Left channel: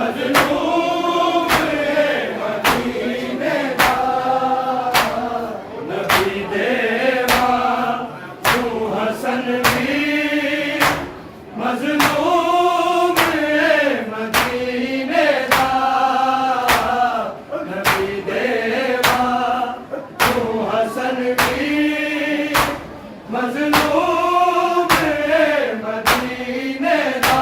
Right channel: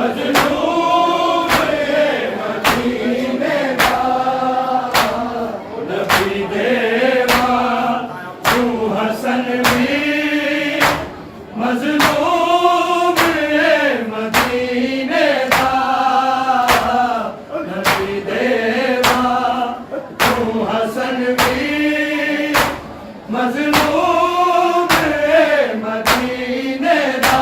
मजलूम मदीने दा नबी देवा तू हसन भी मजलूम मदीने दा नबी देवा तू हसन भी मजलूम मदीने दा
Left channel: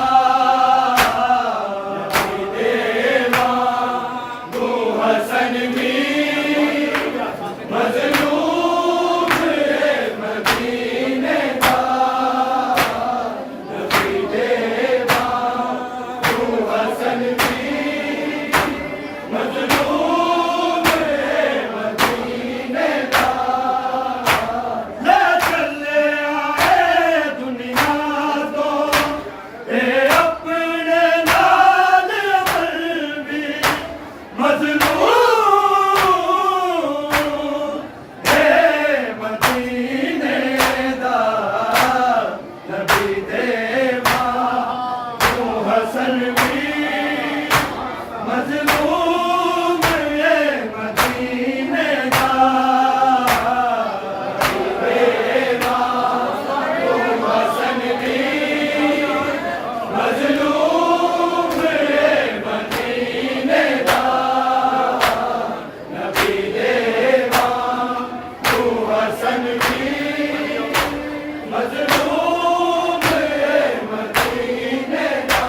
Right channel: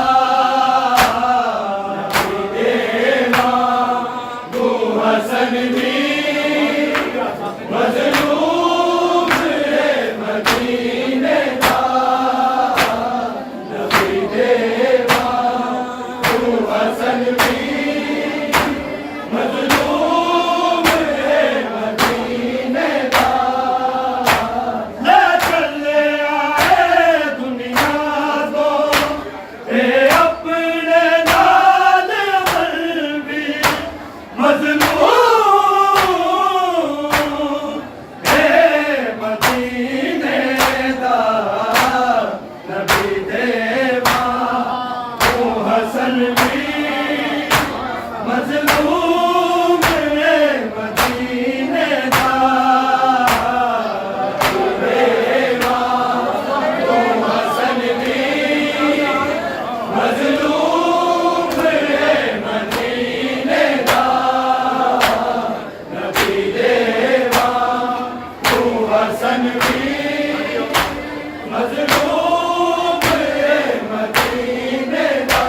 हसन भी मजलूम मदीने दा नबी देवा तू हसन भी मजलूम मदीने दा ले चले आए दुनिया को ए अपने नाल अमल भी मजलूम हसन भी मजलूम मदीने दा देवा तू हसन भी मजलूम मदीने दा नबी देवा तू हसन भी मजलूम मदीने दा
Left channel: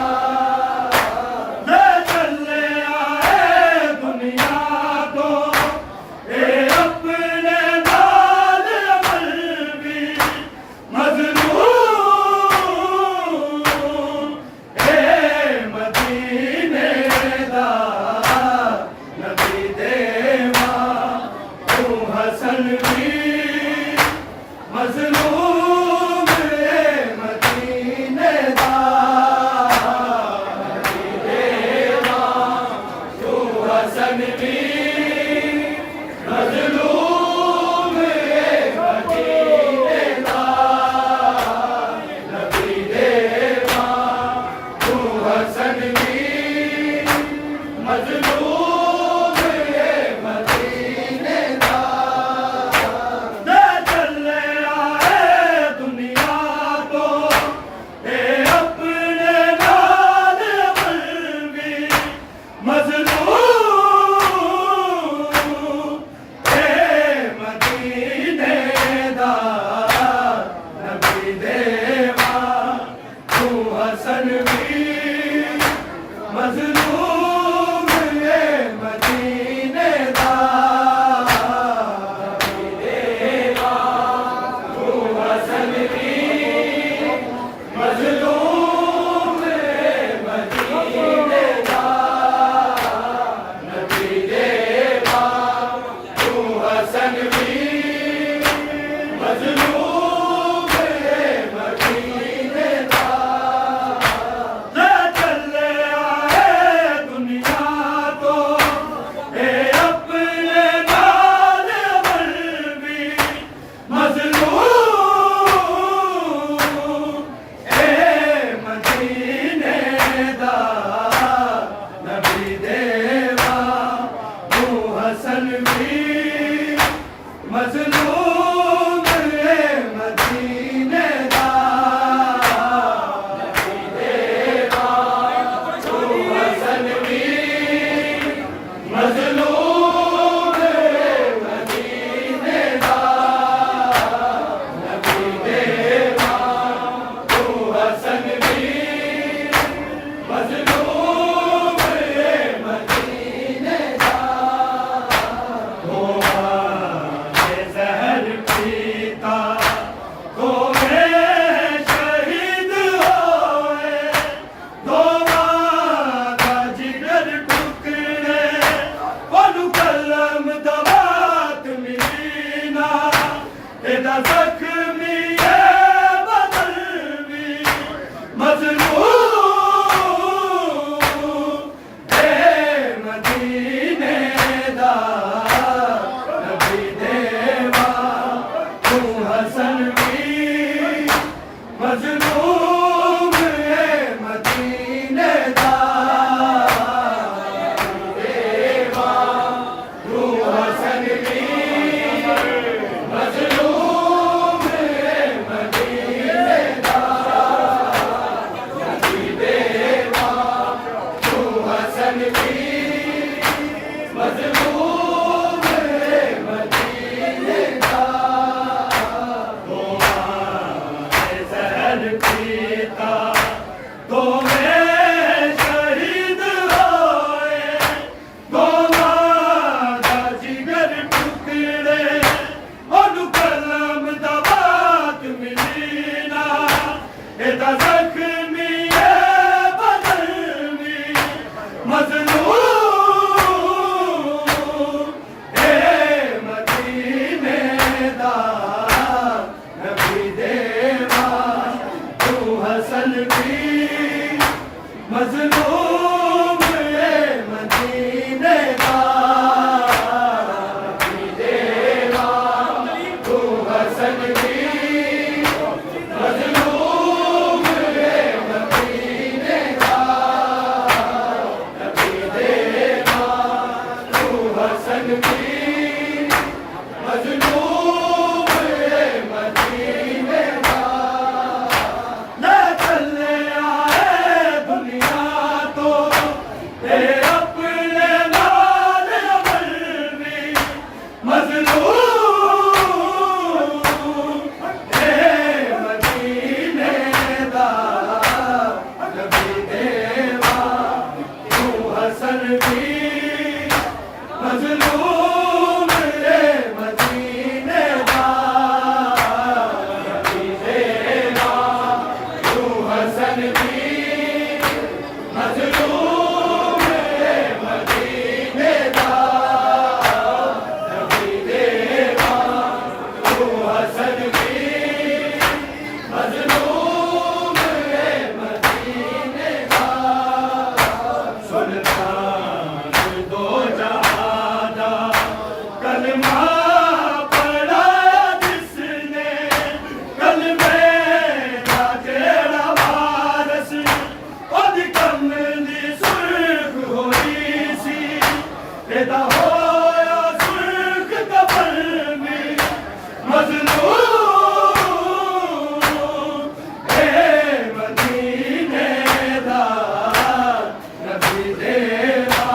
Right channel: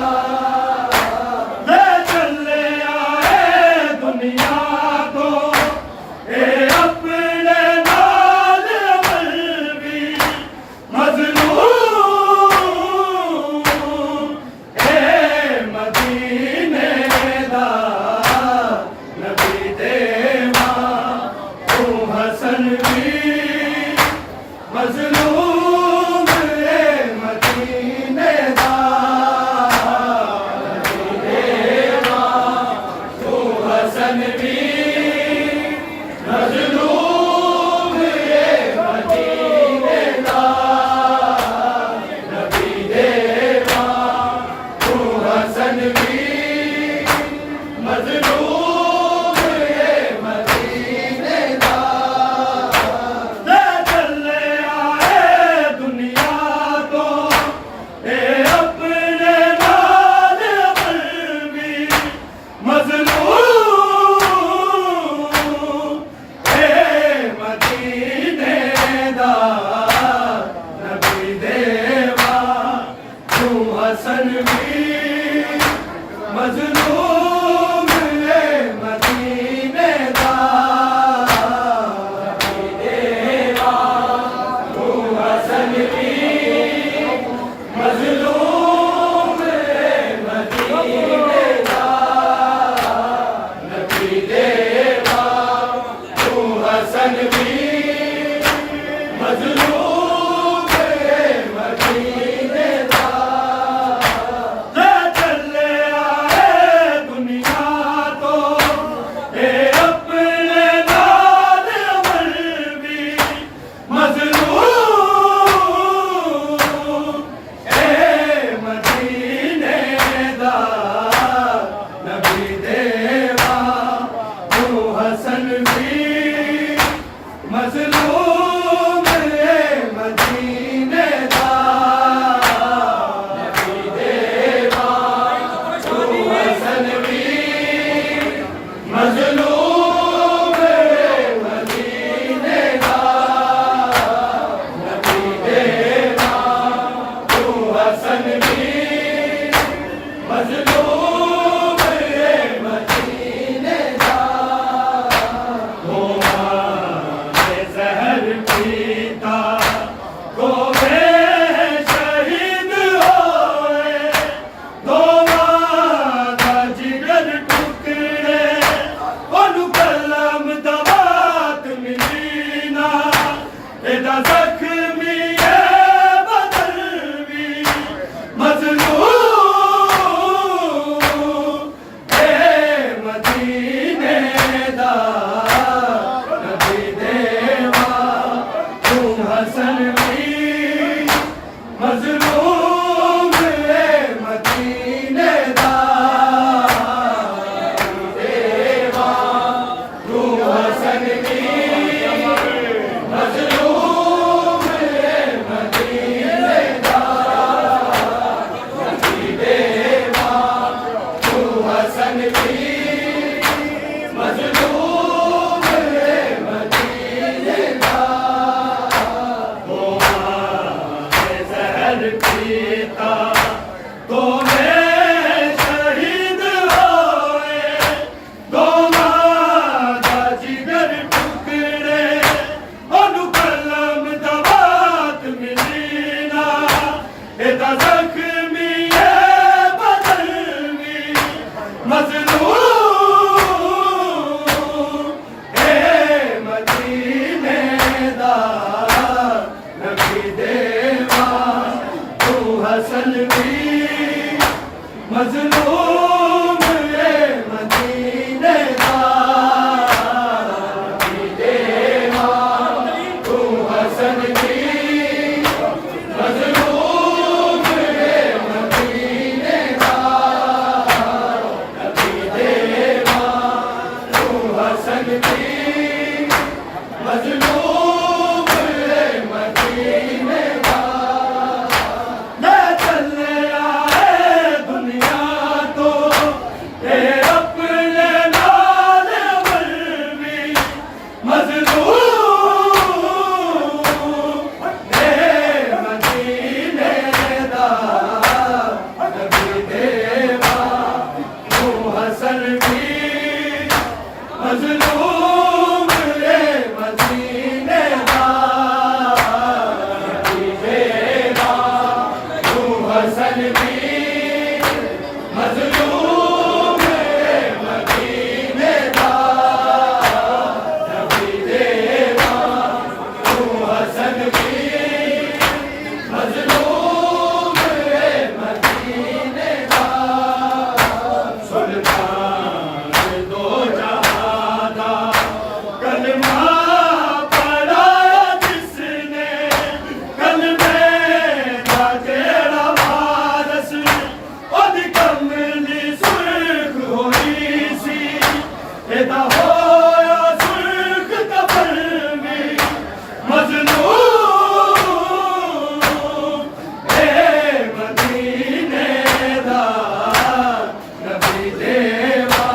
ले चले आए दुनिया को ए अपने नाल अमल भी मजलूम मदीने दा नबी देवा तू हसन भी मजलूम मदीने दा नबी देवा तू हसन भी मजलूम मदीने दा नबी देवा तू हसन भी मजलूम मदीने दा ले चले आए दुनिया को ए अपने नाल अमल भी मजलूम मदीने दा नबी देवा तू हसन भी मजलूम मदीने दा नबी देवा तू हसन भी मजलूम मदीने दा नबी देवा तू हसन भी मजलूम मदीने दा ले चले आए दुनिया को ए अपने नाल अमल भी मजलूम मदीने दा नबी देवा तू हसन भी मजलूम मदीने दा नबी देवा तू हसन भी मजलूम मदीने दा नबी देवा तू हसन भी मजलूम मदीने दा जहर पीता को शहीद होए दोवा का जिगर टुकड़े ओनु कलम दवात मिलीना एदा जख्मी बदल भी मजलूम मजलूम ये मदीने दा नबी देवा तू हसन दी मजलूम ये मदीने दा नबी देवा तू हसन दी मजलूम ये मदीने दा ले चले आए दुनिया तो ते अपने नाल अमल भी मजलूम ए मदीने दा नबी देवा तू हसन भी मजलूम ए मदीने दा नबी देवा तू हसन भी मजलूम ए मदीने दा नबी देवा तू हसन भी मजलूम ए मदीने दा सुल्तान दो जहां दा कलमा पढ़ाया जिसने कलमे दा जेड़ा वारस ओदी कमली सुर्ख होई सी एदा होया सुर्ख कफन में मजलूम ए मदीने दा नबी देवा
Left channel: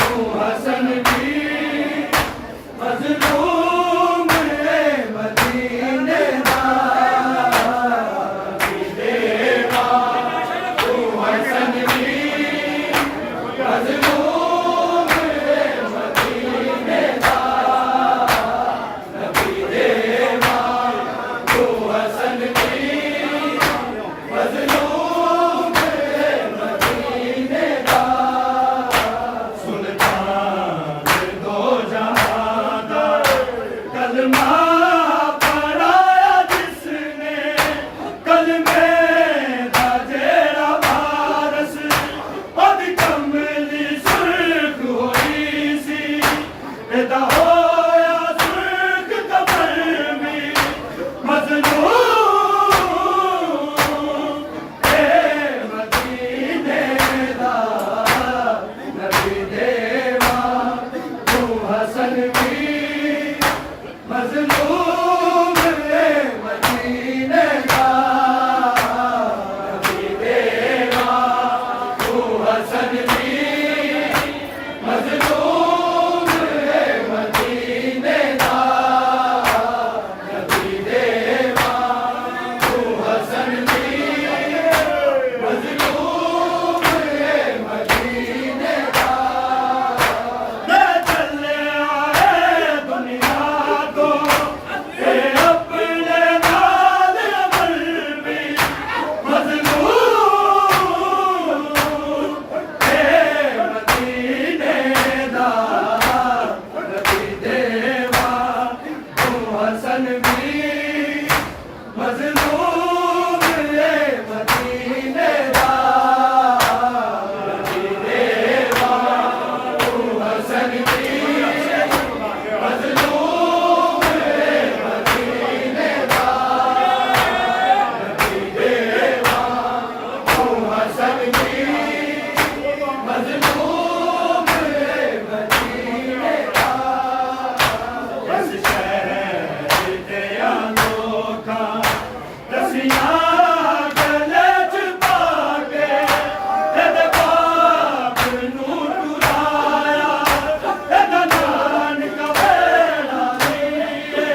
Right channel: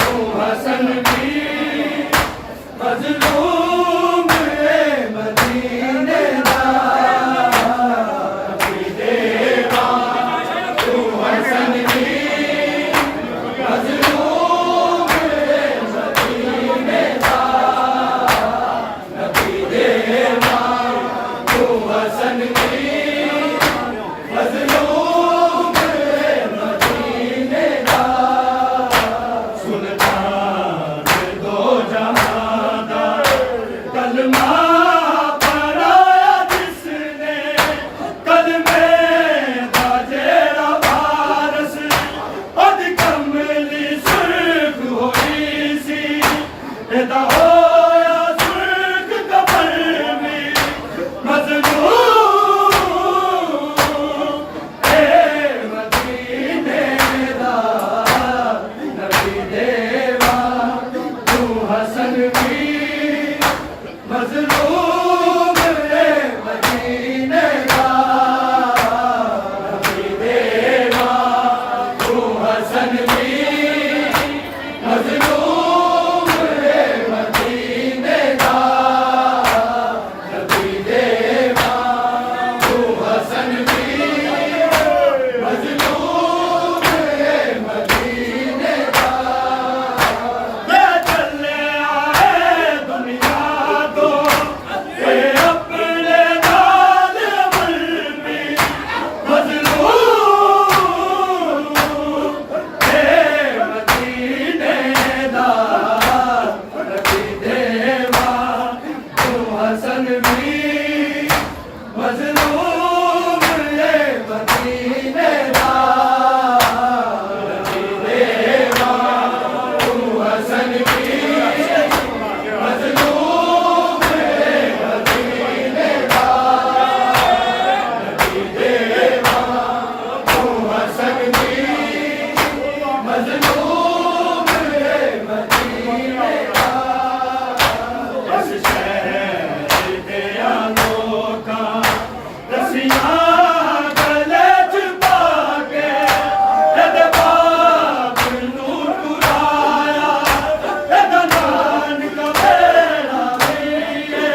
तू हसन भी मजलूम ए मदीने दा नबी देवा तू हसन भी मजलूम ए मदीने दा नबी देवा तू हसन भी मजलूम ए मदीने दा सुल्तान दो जहां दा कलमा पढ़ाया जिसने कलमे दा जेड़ा वारस ओदी कमली सुर्ख होई सी एदा होया सुर्ख कफन में मजलूम ए मदीने दा नबी देवा तू हसन भी मजलूम ए मदीने दा नबी देवा तू हसन भी मजलूम ए मदीने दा नबी देवा तू हसन भी मजलूम ए मदीने दा ले चले आए दुनिया तो ते अपने नाल अमल भी मजलूम ए मदीने दा नबी देवा तू हसन भी मजलूम ए मदीने दा नबी देवा तू हसन भी मजलूम ए मदीने दा नबी देवा तू हसन भी मजलूम ए मदीने दा इस शहर दे लोकां रसियां गले च पाके एदे बाप नूं टुराया एदा नानक वेला वीए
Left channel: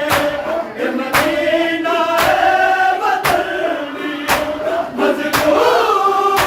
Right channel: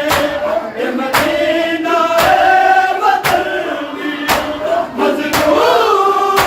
ए मदीना ए वतन वी मजलूम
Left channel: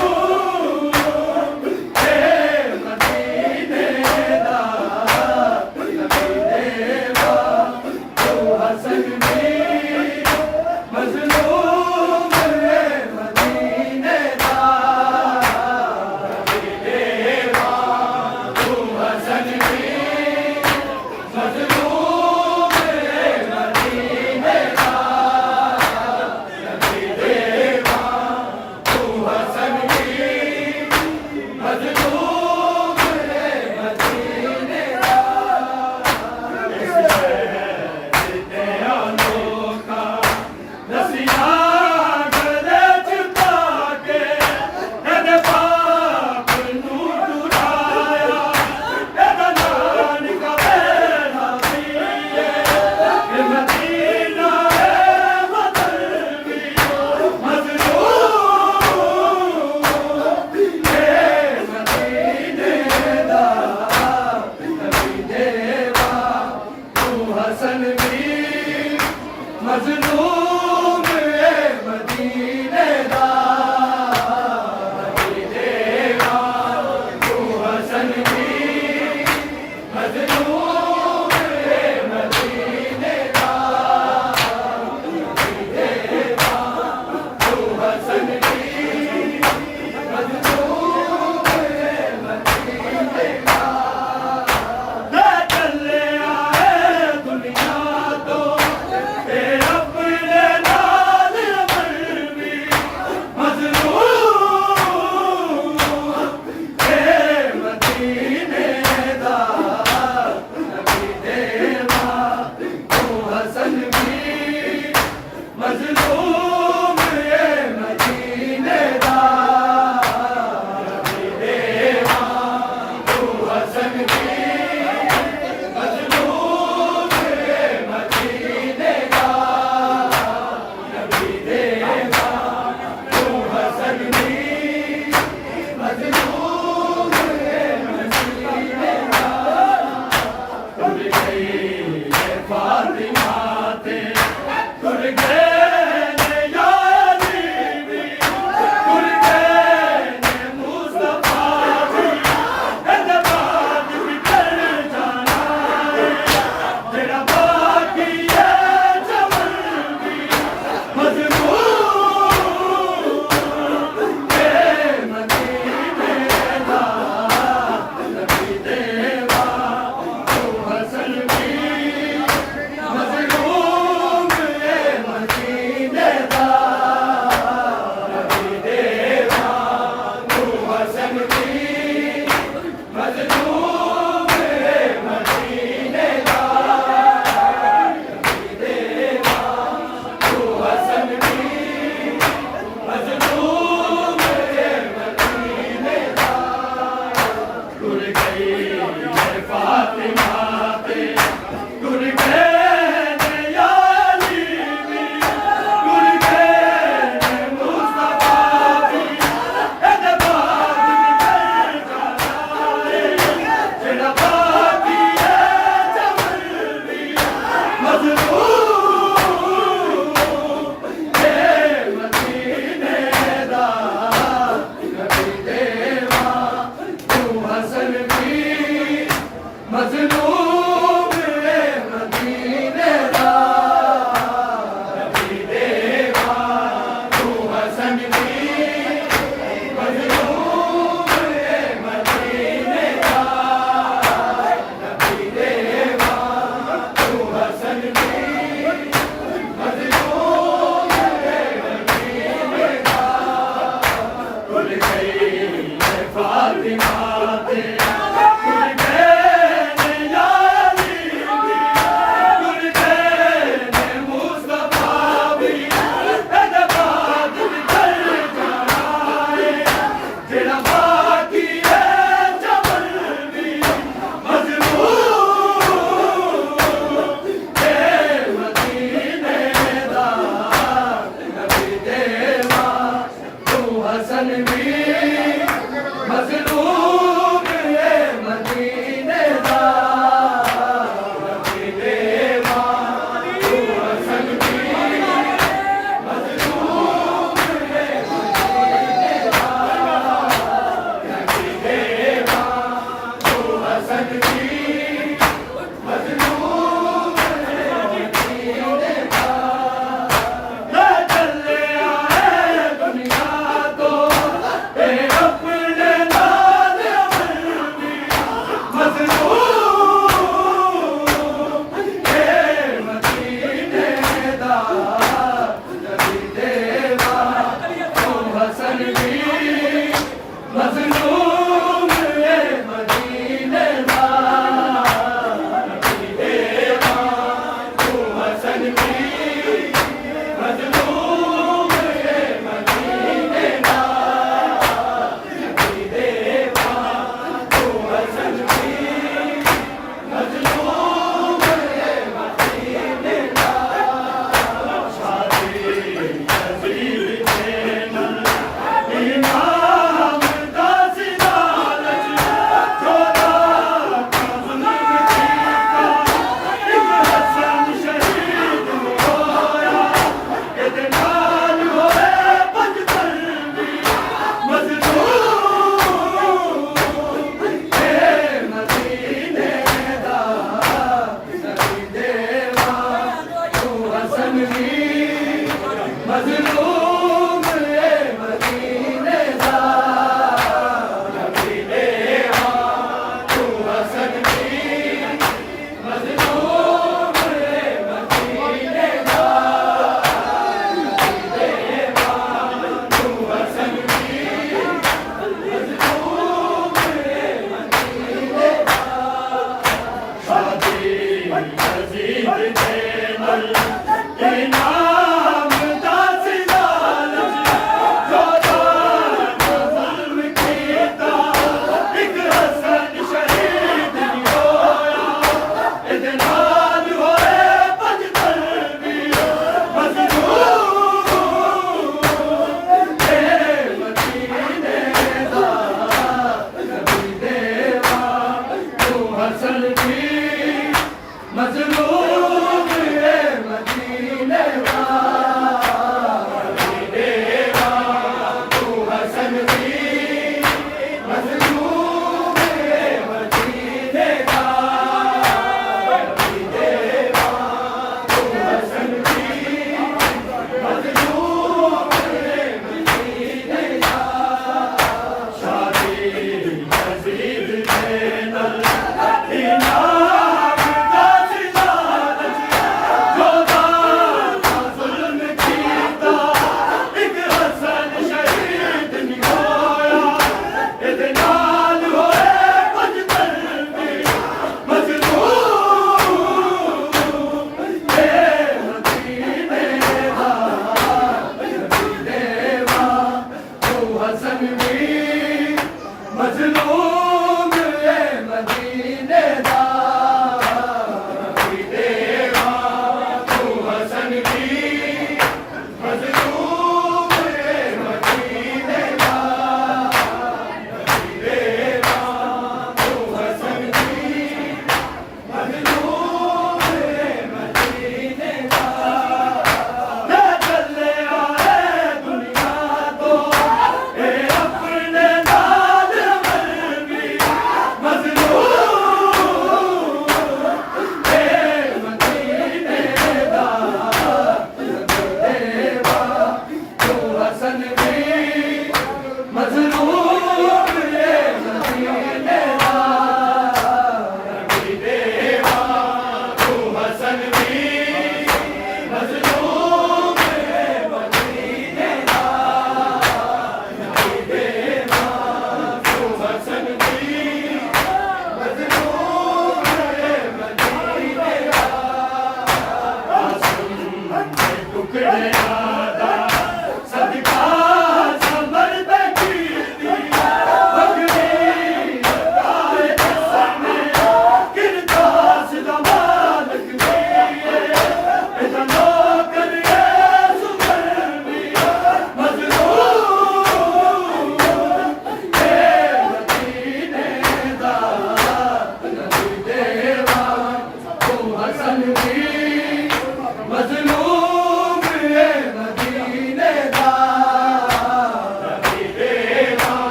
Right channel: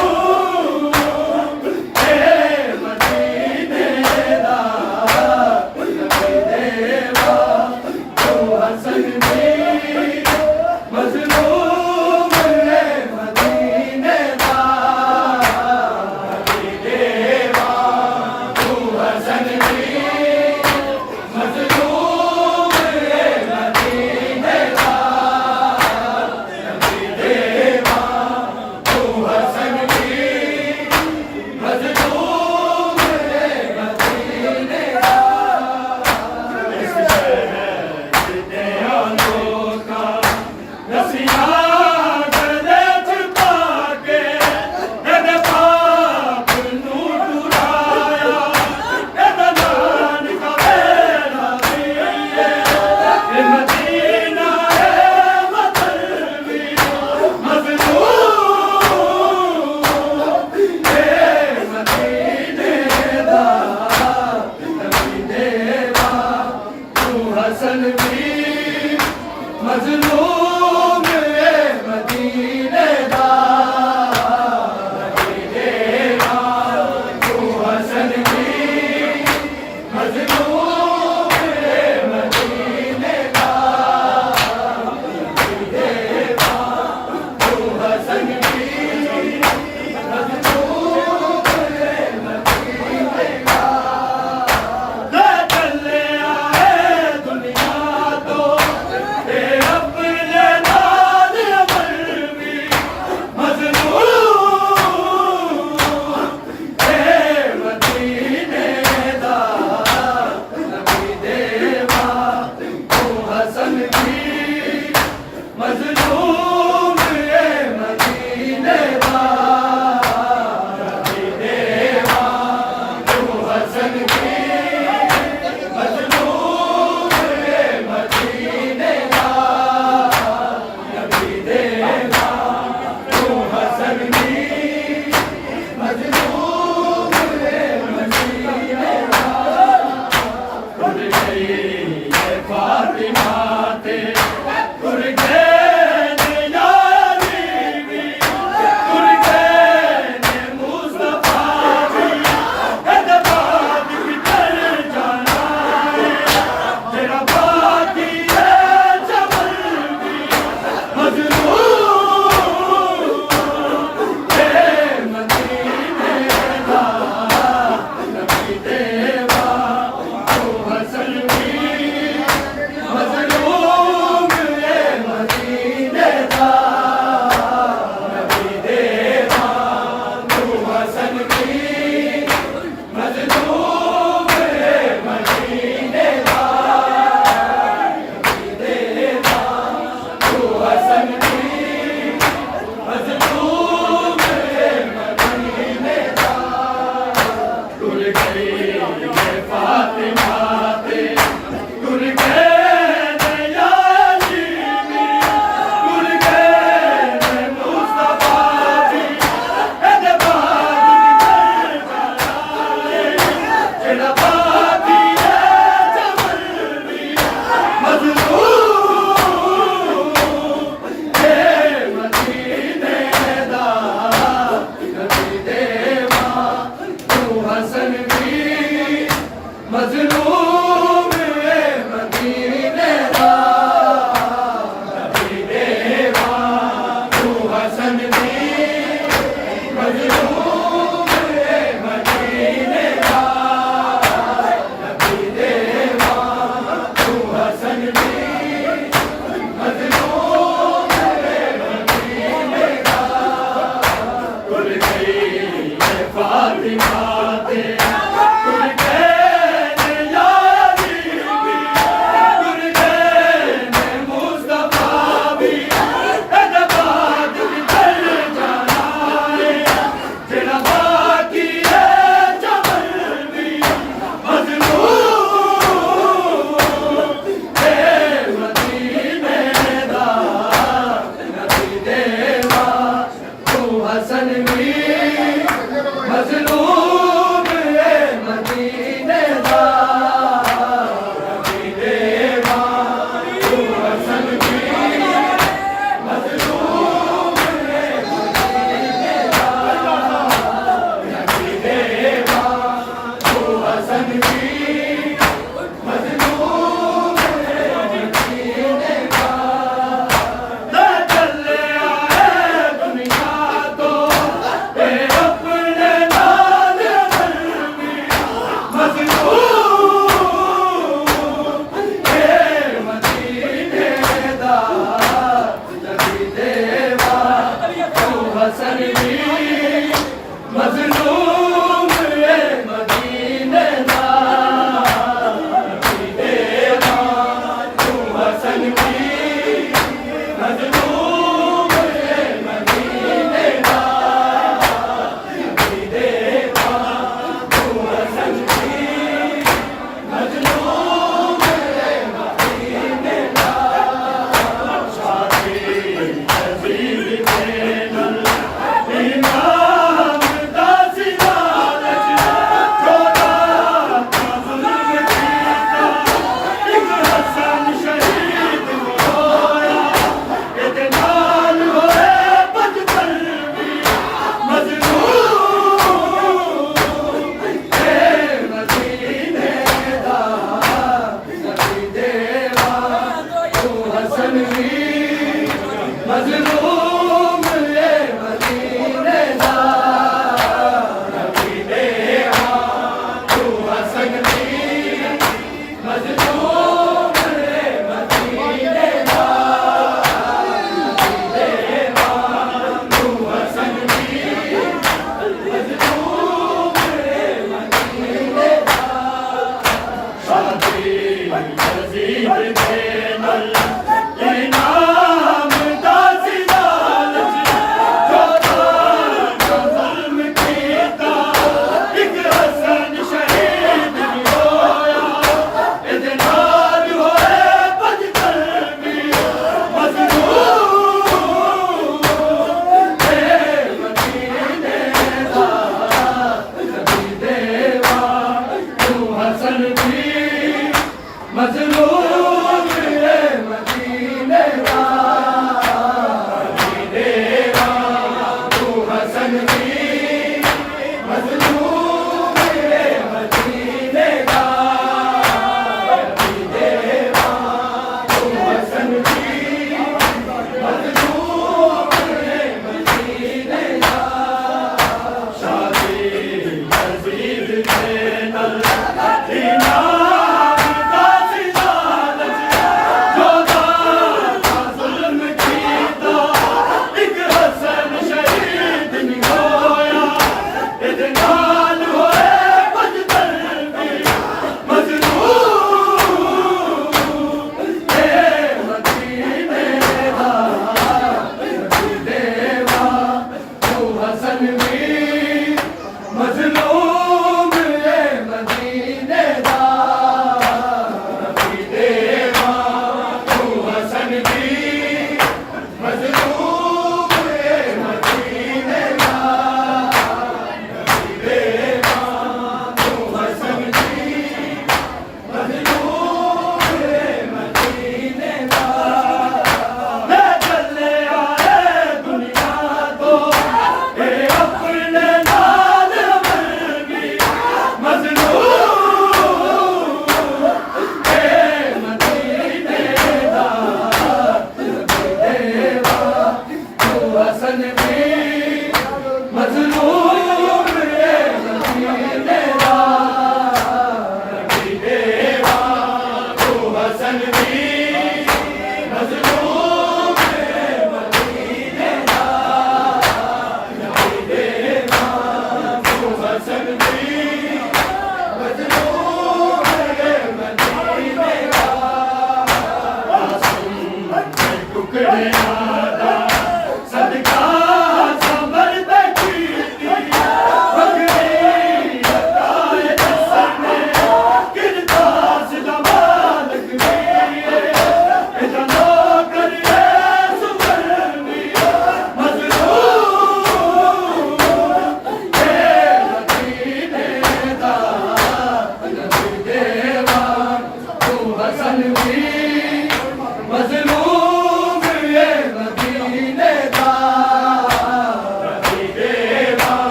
मजलूम